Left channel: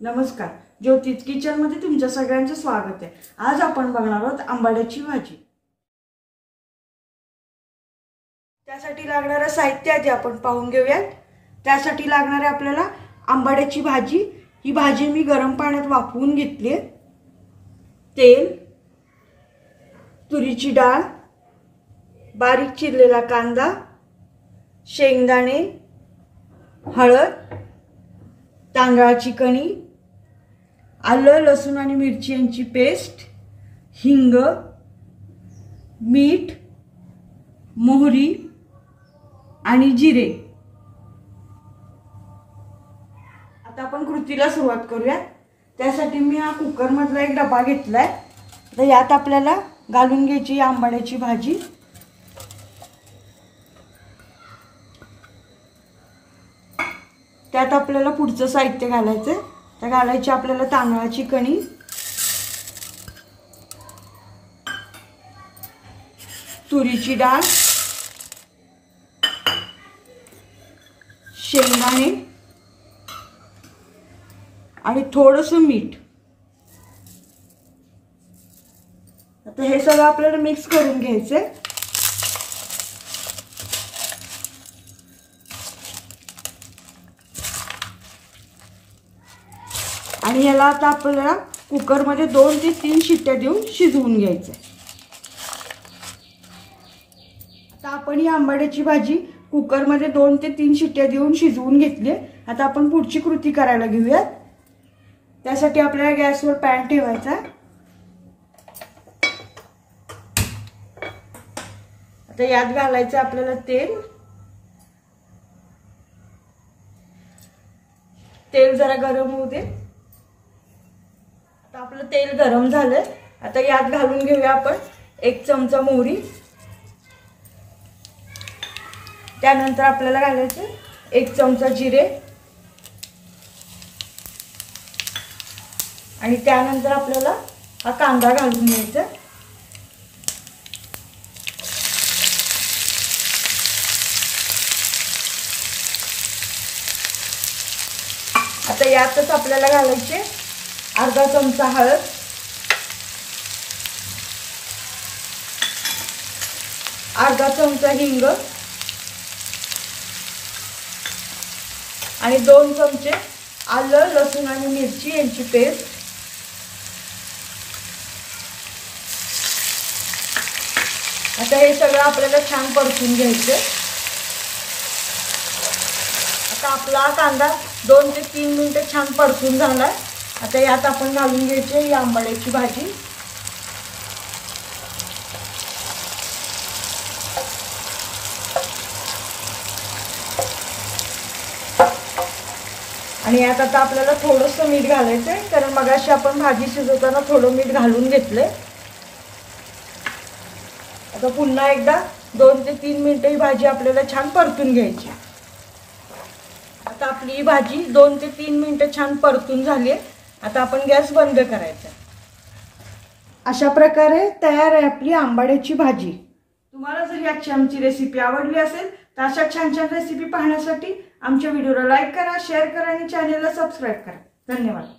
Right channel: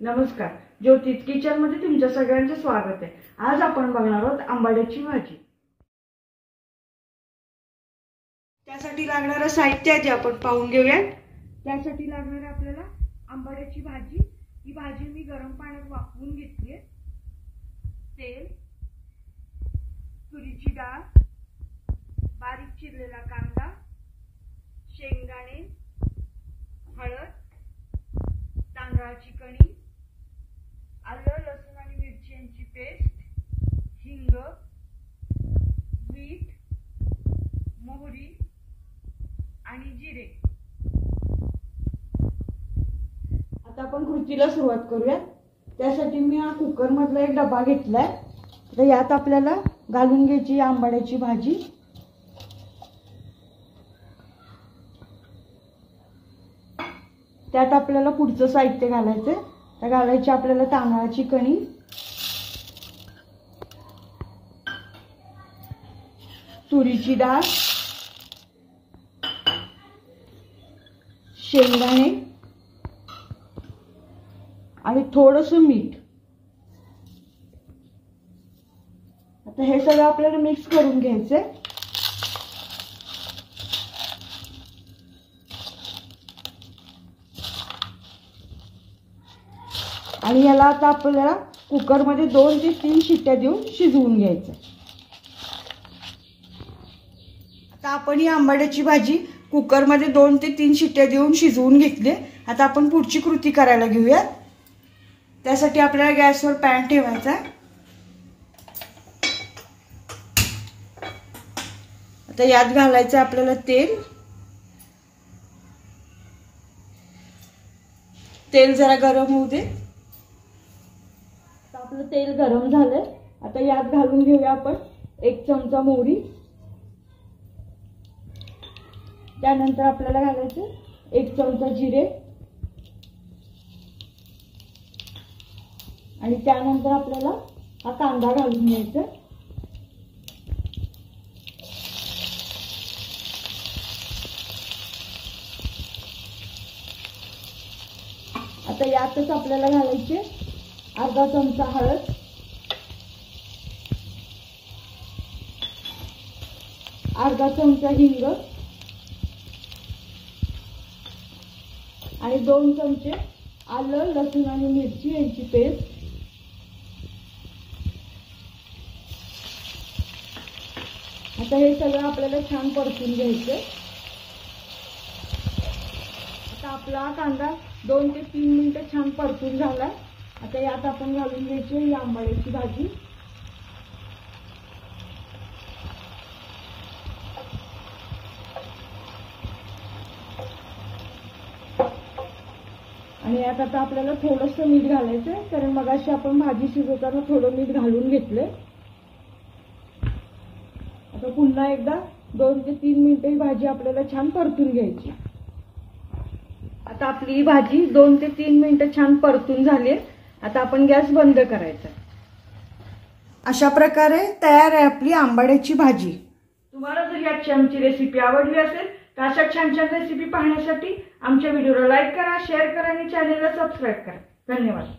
नमस्कार, ज्योतिष किचन मध्ये तुमच्या सगळ्यांचे स्वागत आहे। आज आपण बघणार आहोत आंबाड्याची भाजी। त्यासाठी लागणारे साहित्य जे आपण पाहून घेऊयात। त्यासाठी लागणारे आपल्याला आंबाड्याची भाजी। ही भाजी मी गरम पाण्यात वाफवून घेतली आहे। तेल, तुरीची डाळ, बारीक चिरलेला कांदा, शेंगदाणे, हळद, तांदळाची कणी, आलं लसूण आणि मिरची यांची पेस्ट, हिंग, मीठ, मोहरी आणि जिरे। आता आपण कृतीला सुरुवात करूया। त्यासाठी मी हा कुकर मधला एक डबा घेतलाय। तर यात आपल्याला घालून घ्यायची आंबाड्याची भाजी। त्यात आपल्याला पुढचं साहित्य घालायचं। तर घालायची आपल्याला तांदळाची कणी, तुरीची डाळ, शेंगदाणे आणि थोडंसं मीठ। आता हे सगळं आपल्याला मिक्स करून घ्यायचं। आणि याला आता आपल्याला कुकर मध्ये 2 ते 3 शिट्ट्या देऊन शिजवून घ्यायचं। आता आपण ही आंबाड्याची भाजी कुकर मध्ये 2 ते 3 शिट्ट्या देऊन शिजवून घेतली। आता आपण पुढची कृती करायला घेऊया। त्यासाठी आपल्याला गॅसवर पॅन ठेवायचा। आता यात घालायचं आपल्याला तेल। तेल जरा गरम होऊ दे। आपलं तेल गरम झालं। आता यात घालून घेऊया आपण 1 चमचा मोहरी। त्यानंतर आपल्याला घालायचे 1 चमचा जिरे आणि त्यानंतर आपल्याला हा कांदा घालून घ्यायचा। आता यातच आपल्याला घालायचे अर्धा चमचा हळद, अर्धा चमचा हिंग आणि 2 चमचे आलं लसूण आणि मिरची यांची पेस्ट। आता हे सगळं आपल्याला छान परतून घ्यायचं। आता आपला कांदा 2 ते 3 मिनिटे छान परतून झाला। आता यात आपण घालून घ्यायची ही आंबाड्याची भाजी। आणि यात आता आपल्याला थोडंसं मीठ घालायचं आहे, कारण मगाशी आपण भाजी शिजवताना थोडं मीठ घालून घेतले। आता पुन्हा एकदा 2 ते 3 मिनिटे ही भाजी आपल्याला छान परतून घ्यायची। आता आपली ही भाजी 2 ते 3 मिनिटे छान परतून झाली आहे। आता आपण गॅस बंद करायचा। अशा प्रकारे तयार आहे आपली आंबाड्याची भाजी। तुम्हाला जर याची आमची रेसिपी आवडली असेल तर अशा छान छान रेसिपी पाहण्यासाठी आमच्या व्हिडिओला लाईक करा, शेअर करा आणि चॅनलला सबस्क्राइब करा। धन्यवाद।